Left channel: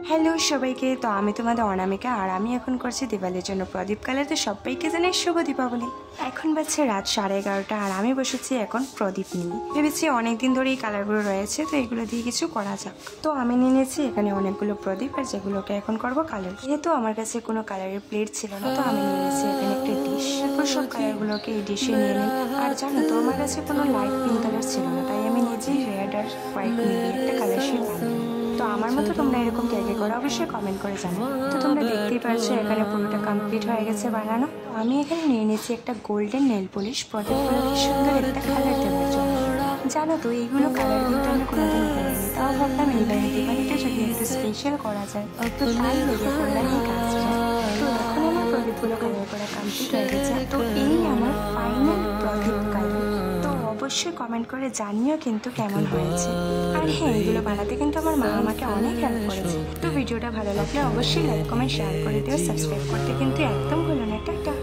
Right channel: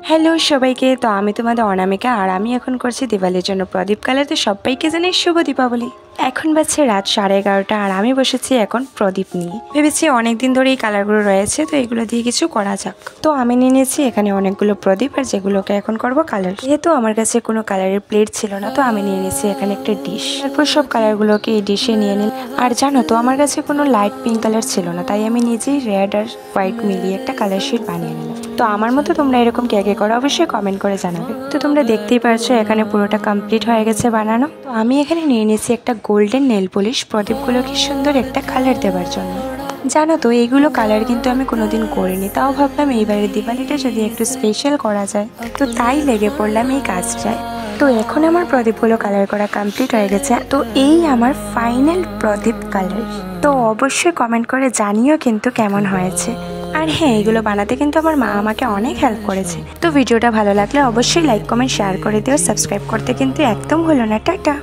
Hello সবাইকে, তো আমি তোমাদের অনামিকা আর আমি এখন করছি দিওয়ালির জন্য প্রদীপ কালার। তো সবাইকে জানাই শুভ দীপাবলি। এখন বাজছে রাত 11:30 আর আমি বসেছি এখন প্রদীপ নিয়ে। ভেবেছি অনেকদিন ধরে এই কালারগুলো রয়েছে, তো এগুলো দিয়ে কিছু করা যাক। তো আমি নিয়ে নিয়েছি এখানে অনেকগুলো প্রদীপ, আর যেগুলোকে এখন করব কালার। যেহেতু আমার কাছে কোনো কালারের প্লেট ছিল না, তো আমি নিয়ে নিয়েছি এখানে একটা ডিশ। তারপর সব কালারগুলোকে এই ডিশে নিয়ে নিই। আর জানো তো, আমার কাছে কোনো লাইট পিঙ্ক কালার ছিল না, তাই আমি নিজেই রেড আর হোয়াইট মিলিয়ে একটা কালার শিট বানিয়ে নিলাম। তো আমার মতো তোমরা এরকম কে কে করো অবশ্যই কমেন্ট করে জানাবে। তো তোমরা দেখতেই পারছো এখানে পুরোটা কমপ্লিট হয়ে গেছে বানানো। তো আমি এখানে নিয়ে নিয়েছি একটা গোল্ডেন নেল পলিশ প্রদীপগুলোকে সুন্দর একটা কালার দেওয়ার জন্য। জানো তো, এইগুলো কালার কিন্তু আমি কোনোদিন করিনি, তাও ভাবলাম এইবারের দিওয়ালিটা যদি একটু স্পেশাল করা যায়, তো তাই লেগে পড়লাম এই কাজটায়। তো এখন আমার প্রদীপগুলো কালার করা কমপ্লিট হয়ে গেছে। তো এই আমার ফাইনাল প্রদীপ কালার। তো অবশ্যই কমেন্ট করে জানিও কিন্তু কেমন হয়েছে। আর হ্যাঁ, এগুলো বানাতে কিন্তু আমার মা আমাকে অনেক হেল্প করেছে। তো ভিডিওটা ভালো লাগলে অবশ্যই লাইক কমেন্ট শেয়ার করে দিও, সাবস্ক্রাইব করতে কিন্তু একদম ভুলো না। টাটা।